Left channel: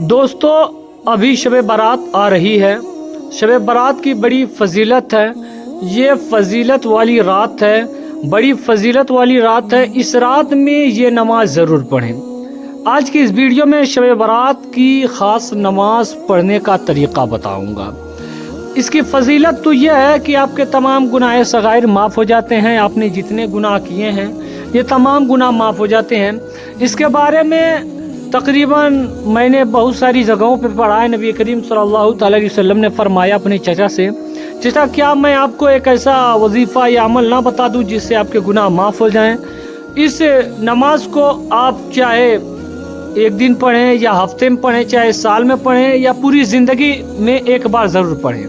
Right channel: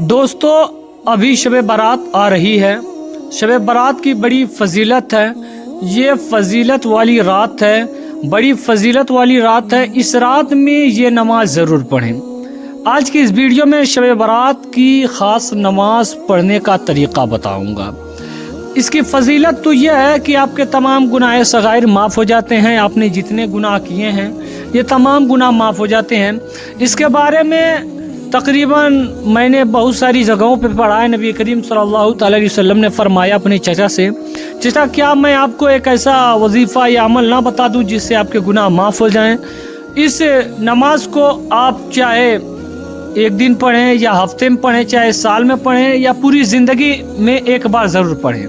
دوستو ابھی شب برات آ رہی ہے۔ شب برات کی بڑی فضیلت ہے، یہ فضیلت والی رات ہے، بڑی فضیلت والی رات ہے۔ اس رات میں یہ نماز ضرور پڑھیں۔ آج کی اس ویڈیو میں شب برات کی خاص نماز پڑھنے کا طریقہ بتاؤں گا۔ اس کی فضیلت تو یہ ہے کہ آپ کے تمام گناہ صغائر معاف ہو جاتے ہیں، آپ نے جتنے گناہ کیے ہیں یہ تمام گناہ معاف ہو جاتے ہیں۔ اس کے بارے میں تقریباً میں نے بہت ساری جگہوں پہ پڑھا ہے۔ نبی کریم صلی اللہ علیہ وسلم نے فرمایا اپنے چچا سے، چچا کیا میں آپ کو ایک ایسا وظیفہ یا عمل نہ بتا دوں جس سے آپ کے گناہ معاف ہو جائیں؟ اس نماز کو آپ چاہے ایک دن پڑھیں یا ہفتے میں پڑھیں، چاہے سال میں پڑھیں یا پوری زندگی میں ایک بار ضرور پڑھیں۔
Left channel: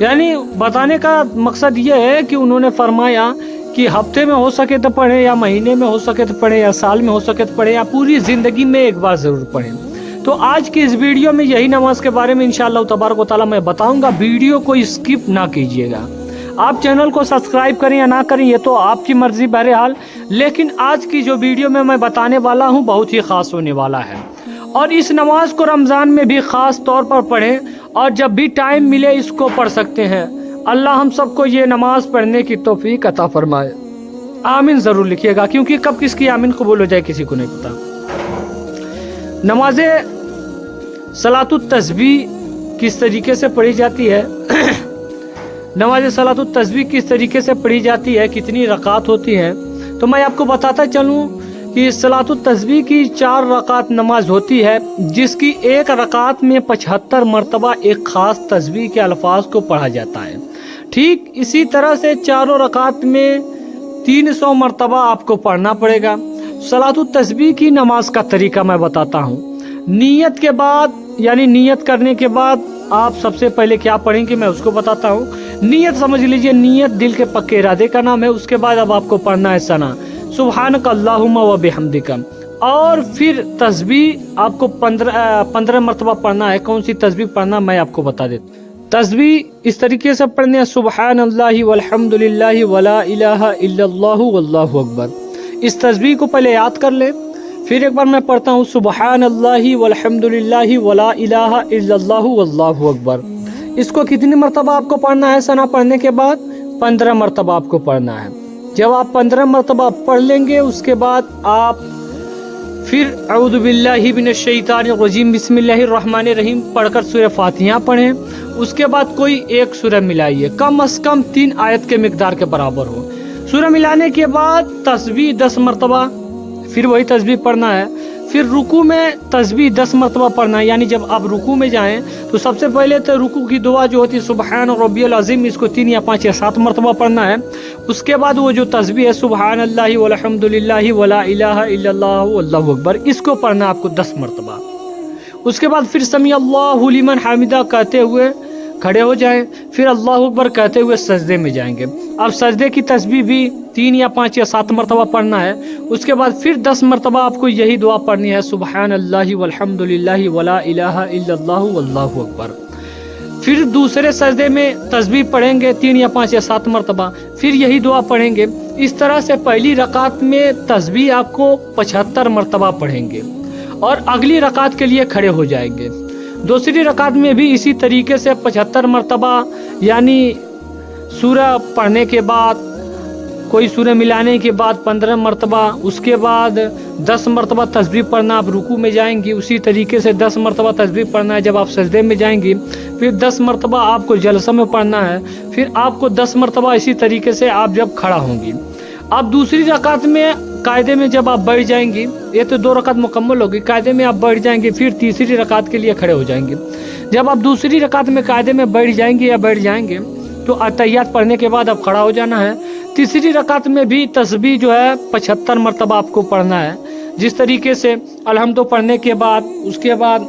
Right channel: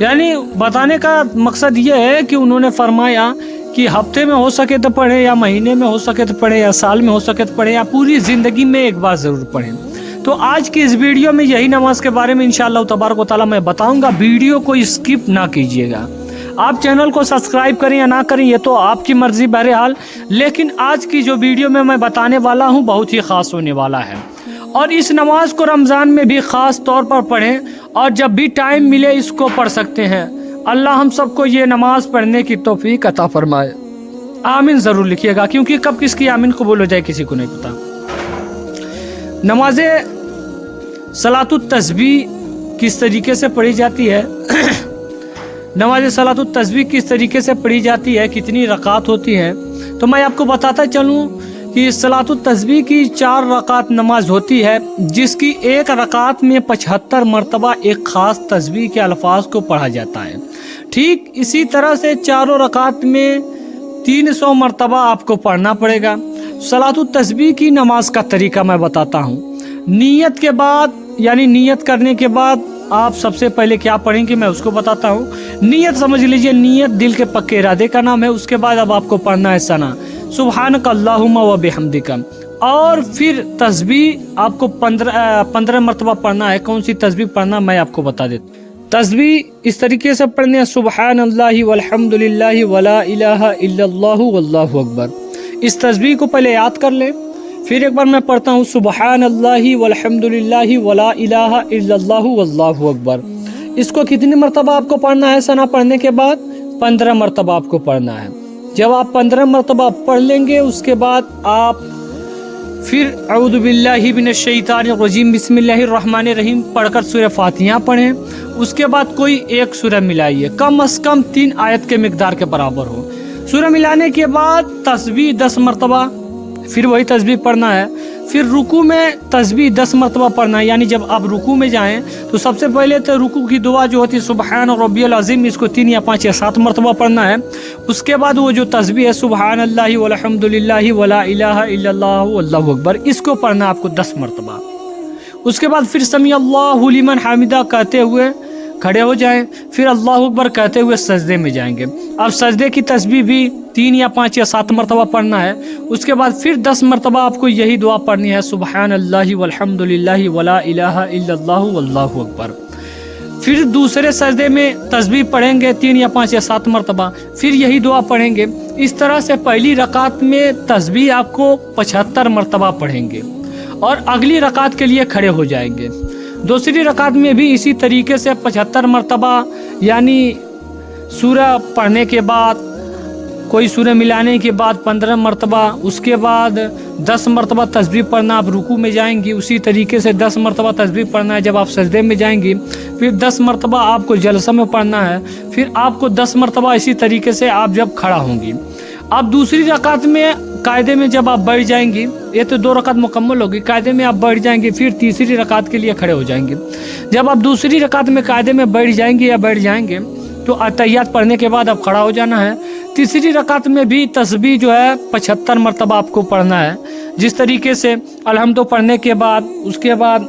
یعنی بتانے کا مقصد یہ ہے کہ انہوں نے فرمایا کہ ہفتے میں ہو سکے تو پڑھیں، یا مہینے میں ہو سکے تو پڑھیں، یا سال میں ہو سکے تو پڑھیں، یا پوری زندگی میں ایک بار ضرور پڑھیں۔ تو آج کی اس ویڈیو میں یہی نماز کے بارے میں انشاءاللہ تبارک و تعالیٰ میں بتاؤں گا۔ ویڈیو کو اسکپ نہ کیجیے گا۔ آپ چینل کو سبسکرائب کریں یا نہ کریں یہ تو آپ کی مرضی، بہرحال، لیکن آج کی جو ویڈیو میں بتانے والا ہوں بہت ہی خاص ہونے والا ہے۔ اور اس نماز کو رمضان میں بھی خاص طور پر پڑھیں، اور جب بھی ٹائم ملے اس کو پڑھ سکتے ہیں۔ اللہ ہم سب کو یہ نماز پڑھنے کی توفیق عطا فرمائے۔ آمین ضرور لکھیے گا، کیونکہ کب کس کی آمین قبول ہو جائے کسی کو نہیں پتا۔ نماز صلاۃ التسبیح کس طریقے سے پڑھی جاتی ہے؟ نماز صلاۃ التسبیح کس طریقے سے پڑھی جاتی ہے، کتنی رکعت ہوتی ہے؟ تو میں آپ کو بتاتا چلوں کہ صلاۃ التسبیح کی 4 رکعت نماز ہوتی ہے، جس کی ایک رکعت میں 75 مرتبہ ایک خاص تسبیح کے الفاظ کو پڑھا جاتا ہے۔ ٹھیک اسی طرح سے چاروں رکعت میں 300 مرتبہ آپ کو پڑھنا پڑے گا۔ صلاۃ التسبیح کی نماز کا طریقہ میں بتاتا ہوں۔ نیت کے بعد، یعنی نیت کرنے کے بعد آپ سب سے پہلے کیا پڑھیں گے میں اس کو بتاتا ہوں۔ نیت سمجھ لیجئے، نیت دل کے پکے ارادے کا نام ہے۔ اس کے بعد اب آپ کو پڑھنا ہے ثنا، سبحانک اللہم و بحمدک، اور پھر تسبیح آپ کو 15 مرتبہ پڑھنا ہے۔ کون سی تسبیح پڑھنا میں آپ کو بتا دیتا ہوں۔ تسبیح اس طریقے سے پڑھنے ہیں، سبحان اللہ والحمد للہ ولا الہ الا اللہ واللہ اکبر۔ اس تسبیح کو پہلے یاد کر لیں، پھر ایک بار میں پڑھتا ہوں، سبحان اللہ والحمد للہ ولا الہ الا اللہ واللہ اکبر۔ اس کو کتنی مرتبہ آپ کو پڑھنا ہے ثنا پڑھنے کے بعد؟ 15 مرتبہ آپ کو پڑھنا ہے۔ جب آپ 15 مرتبہ پڑھ لیں گے اس کے بعد آپ پھر اعوذ باللہ من الشیطان الرجیم بسم اللہ الرحمن الرحیم پڑھ کر سورہ فاتحہ پڑھیں۔ اس کے بعد کوئی ایک سورہ ملائیے، کم از کم 3 آیت کے مقدار کے برابر ہو۔ سورہ ملانے کے بعد تسبیح 10 مرتبہ، پھر وہی تسبیح پڑھنا ہے۔ پھر رکوع میں تسبیح 10 مرتبہ پڑھنا ہے، یعنی جب آپ رکوع میں جائیں تو سب سے پہلے تو رکوع کی دعا جو ہوتی ہے سبحان ربی العظیم، اس کو 3 یا 5 یا 7 مرتبہ پڑھنا ہے۔ اس کے بعد وہ جو تسبیح ہے سبحان اللہ والحمد للہ ولا الہ الا اللہ واللہ اکبر، اس کو پڑھنا ہے آپ کو 10 مرتبہ۔ اس کے بعد پھر سمیع اللہ لمن حمدہ کہتے ہوئے کھڑے ہو جائیں، پھر اللہ اکبر کہتے ہوئے سجدے میں جائیں گے۔ اب سجدے کی تسبیح بھی 3 یا 5 یا 7 مرتبہ پڑھنا ہے۔ اس کے بعد پھر 10 مرتبہ آپ کو یہی دعا پڑھنی ہے، سبحان اللہ والحمد للہ ولا الہ الا اللہ واللہ اکبر۔ پھر دوسرے سجدے میں تسبیح پڑھیں گے 3 یا 5 یا 7 مرتبہ، پھر یہی دعا پڑھیں گے۔ اس طرح سے پہلی رکعت میں تسبیح آپ کو 75 مرتبہ پڑھیں گے، اور اگلی رکعت کے لیے کھڑے ہو جائیں گے۔ دوسری رکعت میں بھی اسی طریقے سے 75 مرتبہ، یعنی سورہ پڑھنے کے بعد کوئی سورہ ملانے کے بعد 15 مرتبہ، اس کے بعد 10 مرتبہ تسبیح پڑھنا۔ آپ رکوع میں جائیں گی اسی طریقے سے 10 مرتبہ تسبیح پڑھنا ہے۔ جب آپ سجدے میں جائیں گی پھر 10 مرتبہ آپ کو جلسہ میں پڑھنا ہے، پھر آپ کو 10 مرتبہ اسی طریقے سے آپ جب کھڑا ہوں گی۔ اب دوسری رکعت میں قاعدے میں جب آپ بیٹھ جائیں گی، یہ تو 2 رکعت مکمل ہوگی، قاعدے میں آپ بیٹھ جائیں گے، پھر تیسری رکعت کے لیے کھڑے ہو جائیں گے۔ جب آپ دوسری رکعت میں قاعدے میں بیٹھ جائیں گے یا بیٹھ جائیں گے تو اتحیات پڑھنے کے بعد اب کھڑا ہو جانا ہے۔ تیسری رکعت میں بھی تسبیح جو ہے 75 مرتبہ آپ کو پڑھنا ہے، جس طریقے سے الحمد پڑھنے کے بعد، اس کے بعد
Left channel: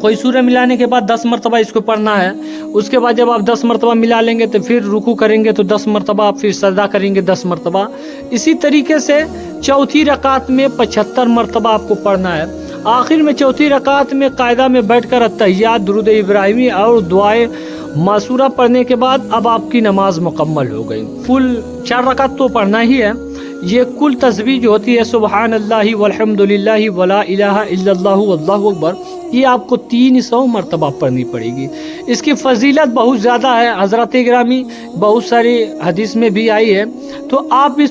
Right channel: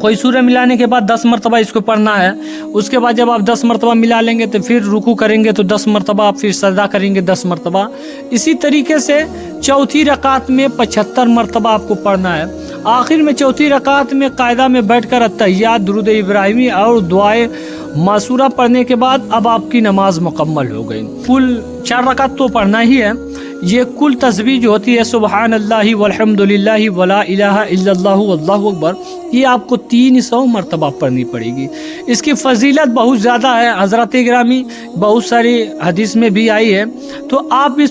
کوئی سورہ ملانے کے بعد 10 مرتبہ اس کو پڑھنا ہے۔ اس کے بعد جب آپ 10 مرتبہ ملا لیں گے تو پھر رکوع کریں گے تو 10 مرتبہ، آپ پھر سجدہ کریں گے 10 مرتبہ۔ اسی طریقے سے چوتھی رکعت میں 75 مرتبہ آپ کو پڑھنا ہے۔ آخر میں چوتھی رکعت میں قاعدہ میں بیٹھ کر اتحیات، درود ابراہیمی اور دعائے معصورہ پڑھنے کے بعد اب آپ کی نماز مکمل ہو گئی۔ کل 4 رکعت تو پڑھنا ہی ہے۔ یہ کل تسبیح جو ہوتی ہے سبحان اللہ والحمد للہ ولا الہ الا اللہ واللہ اکبر، یہ آپ کو 300 مرتبہ پڑھنی پڑے گی۔ اس کی فضیلت بہت زیادہ ہے حضرات گرامی، بہت ساری حدیث میں بھی آئی ہے، تو آپ اس